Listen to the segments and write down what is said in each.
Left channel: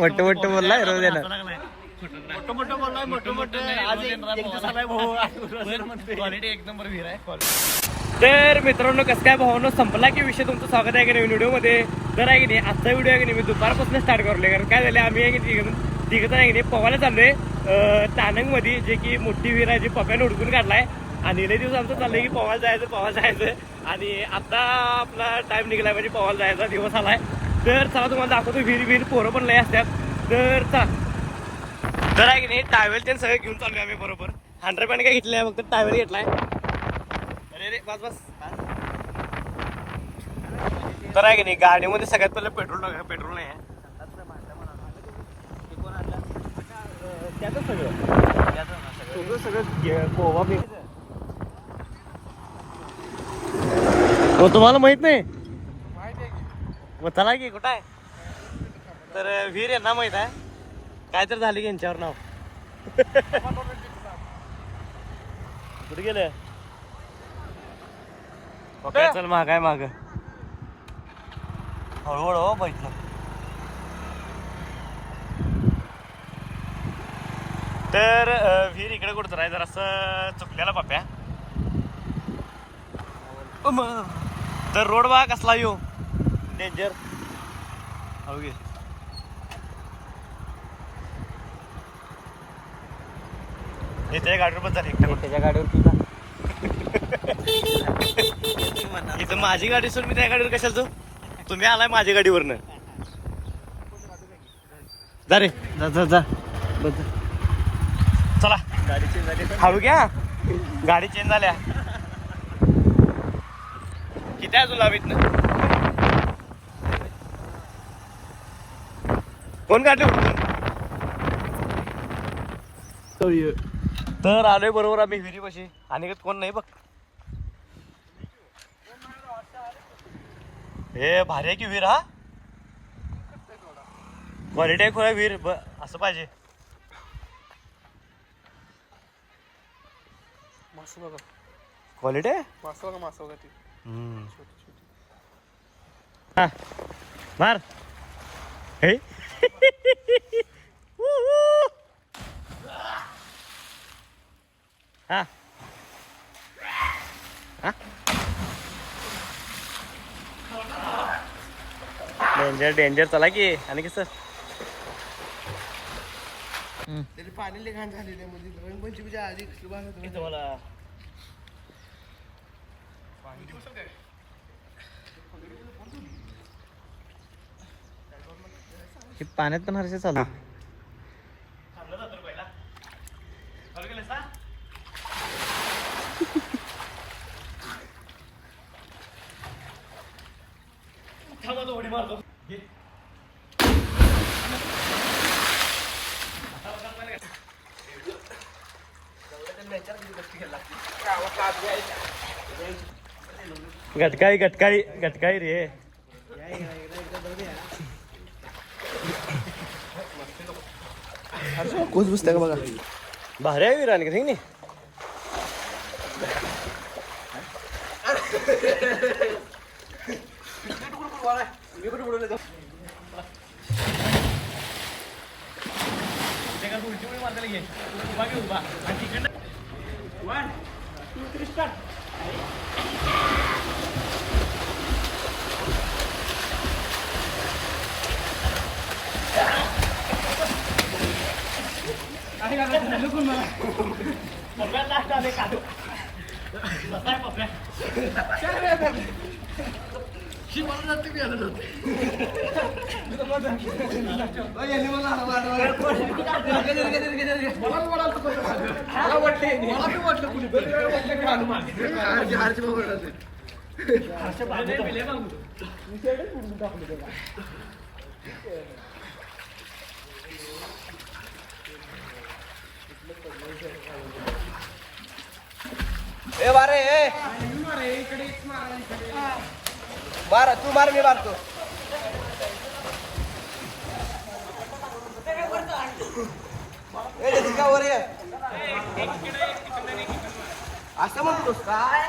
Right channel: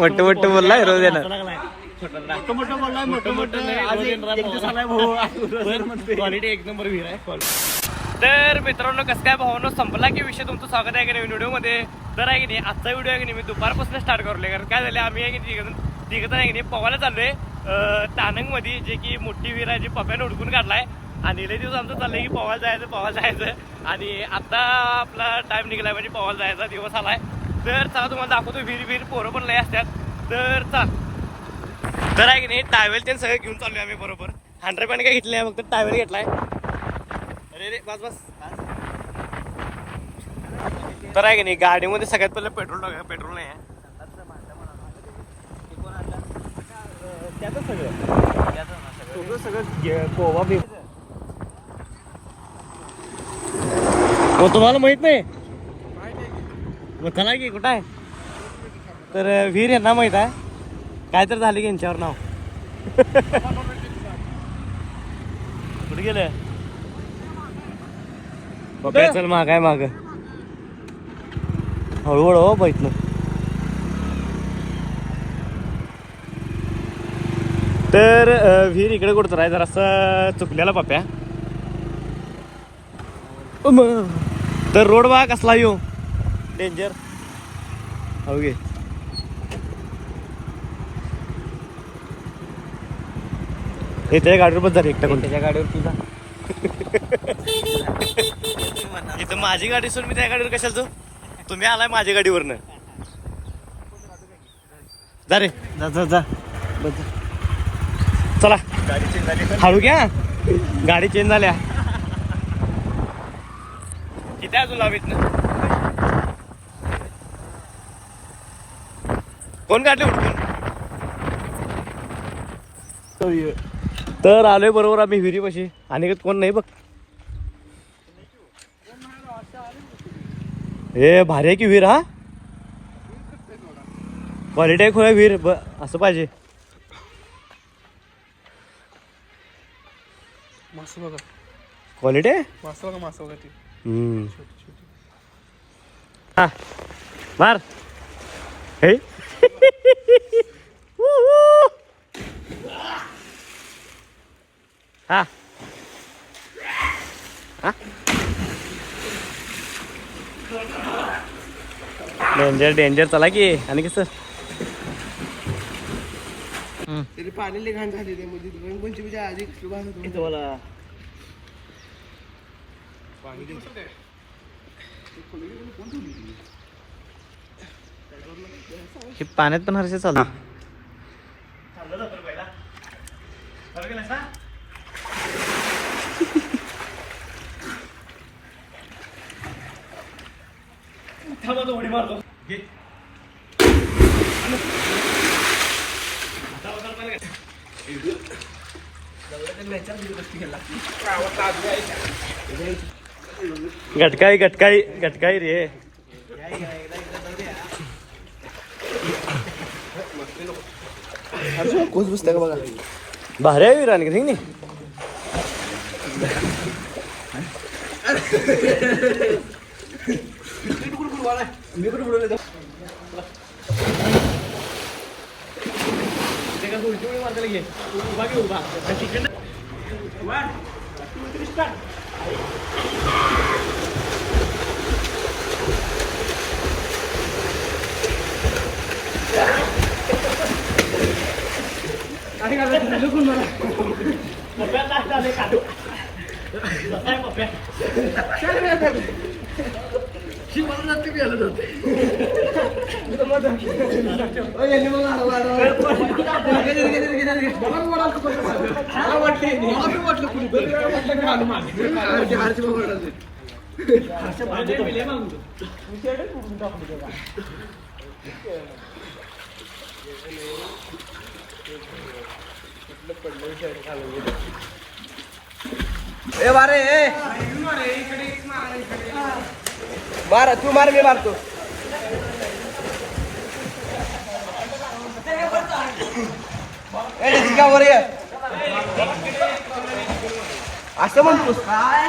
मोठं मोठं बोललाय रोज येणार. क्वालिटी एक नंबर विहीर आहे. तर मित्रांनो कसं काय भावनो संपला की विषय तुमचं स्वागत आहे की नाही व्हिडिओमध्ये. तर आहे की नाही आजचा व्हिडिओ आहे की नाही मी दुपारपासून स्टार्ट करलोय. कारण काय झालं आम्ही आहे की तिघं आहे की नाही पोवायला चाललोय तानंगमध्ये, जे की मोठी विहीर आहे जी पप्याने हुडकून काढलाय. आणि लई दिवस आमचं चाललंय की पोवायला जायचं आणि आता आपला टाइम निघालाय म्हणजे पोवायला जायचा दिवस आलाय. तर चला तुम्हाला दाखवतो विहीर पोरं पण लय असतात. तर आहे की नाही टायवेल ते सगळं घेऊन चाललोय आम्ही बरोबर. 100 पॅन्ट काय घेतले फक्त टायवेल घेतलाय. अरे बस तर आहे की नाही गाडीमध्ये सगळ्यात पहिले पेट्रोल नाही आहे. तुम्हाला माहित नाही मग चला की कुठं आहे. तर विहीर यांना माहित आहे काय तर झालं की यांच्यावर नाव. बघा चल माग आहे माग हळूहळू हो बैठलं. तर विहीर इकडे कुठं आहे जरासं चुकलेला पप्या. तर रोड बघा कसला येऊ डेंजर. ओके हे त्या गाडीवर बस झाली एकट्या कोणत्या गाडीवर. इथं माझी गाडी सोड मी त्या गाडीवर कशाला जाऊ. तुम्ही आलाय माझ्या गाडीवरनं. जा रे जा चला हळू घ्या गाडी चेंज झाल्या. किती आहे तुला इथनं कोण काढले. तर आलोय बरोबर आम्ही विहिरीपाशी आणि कोण नाही बघ. हे भारी आहे की विहीर. हा क्वालिटी आहे खोया विहीर असं पाहिजे. क्वालिटी आहे हा मार हे हा डेंजर चला की. आणि कसं तरी पाणी घाण झाली म्हणजे रंगपंचमीच्या आधी तुम्हाला हे पाण्यात पण हरसे चालू. गटकाळी रे. कोच बसते का बघा. भारी आहे राणी नाही ए बारे ए मार तू मार मी मारतो. वर ये असं म्हणतोस काय.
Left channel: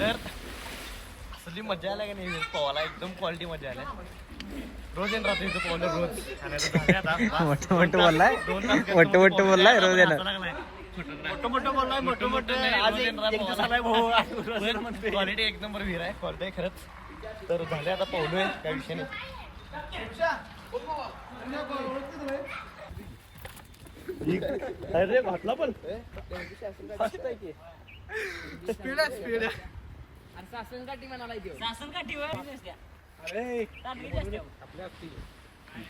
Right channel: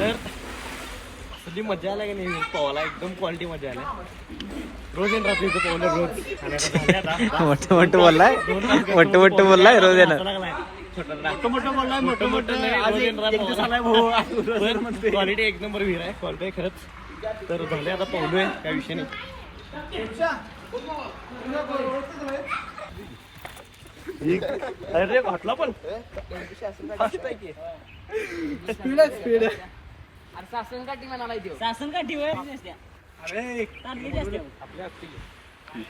तर कधी मजा आला की नाही पोहायला एकदम क्वालिटी मजा आल्या रोज येऊन राहतो इथं पोहलं रोज आणि आता झाले आता मोठं मोठं बोललाय 2 तास गप्पा मोठं मोठं बोललाय रोज येणार क्वालिटी एक नंबर विहीर आहे क्वालिटी खरंच तर झाले आता पोहलोय काय विषय नाही अरे म्हटलं पण स्पीड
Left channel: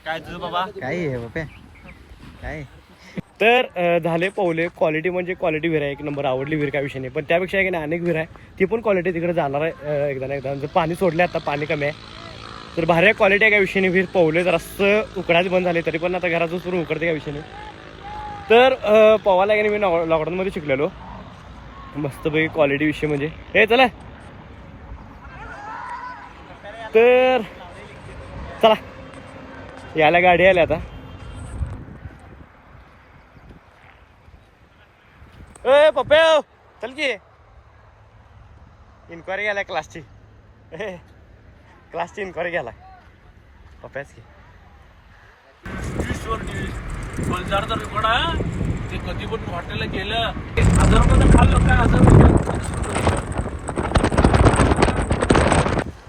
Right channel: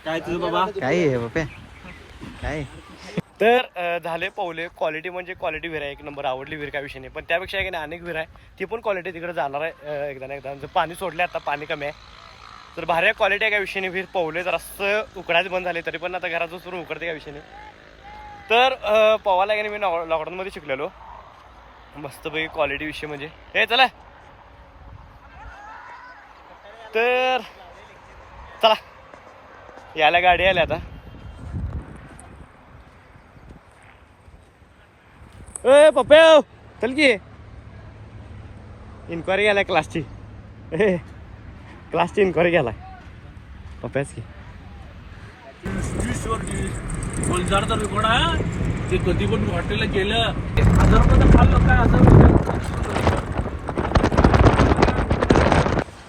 काय तुझं बाबा काय आहे बाप्या काय तर झाले पोहले क्वालिटी म्हणजे क्वालिटी विहीर आहे एक नंबर आवडली विहीर काय विषय नाही पण त्यापेक्षा आहे की नाही अनेक विहीर आहे ती पण क्वालिटी तिकडे जाणार आहे एकदा ना एकदा जर पाणी सोडले आता पाणी कमी आहे तर भारी क्वालिटी आहे काय विषय नाही विहीर पोहले जर असं उकडायला बंद झाले तरी पण आता घरात सुरू उकडते काय विषय नाही तर पोहायला की नाही मी लॉकडाऊनमध्ये शिकलेलो मस्तपैकी क्वालिटी विषय म्हणजे हे चला तर चला यायला गाडी आल्या आता ए पप्पे चल की इन्क्वायरी गेलाय क्लासची क्लासची इन्क्वायरी गेलाय पप्प्याच की ते कधी पण हॉटेलला गेलं 1000 रुपयाचं खाल्लं काय 1000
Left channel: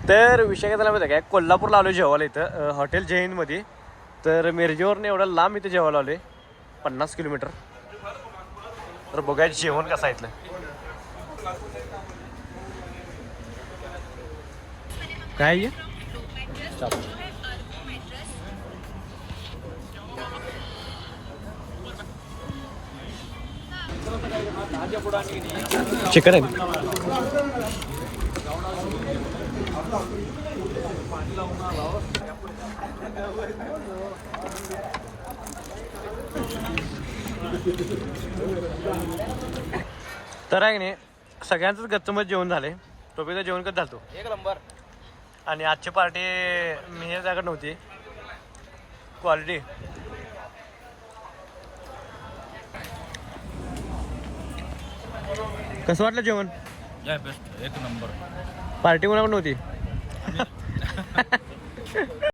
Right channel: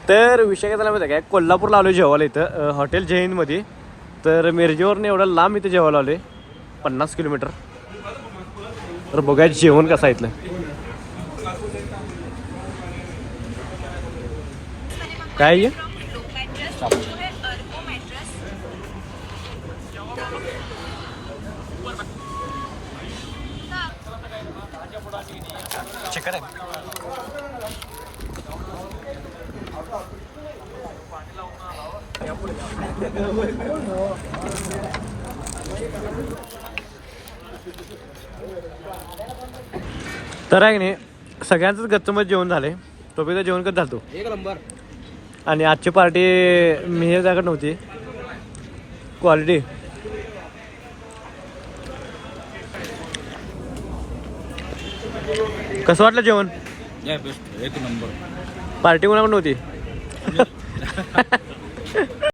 तर विषय काय झाला माहिती काय कोल्हापूरला आलो जेवायला इथं हॉटेल जैनमध्ये तर मिरजेवरनं एवढं लांब इथं जेवायला आलोय 50 किलोमीटर तर बघाय जेवण कसं आहे इथलं काय चिकन आहे तर आहे की नाही सगळ्यांचंच गच्चमच जेवण झालंय टोपीचं जेवण कसं झालं एक नंबर आणि आजची पार्टी मी हे जागा नव्हती क्वालिटी कसं वाटलं जेवण बेस्ट एक नंबर पार्टी कोणाकडे नव्हती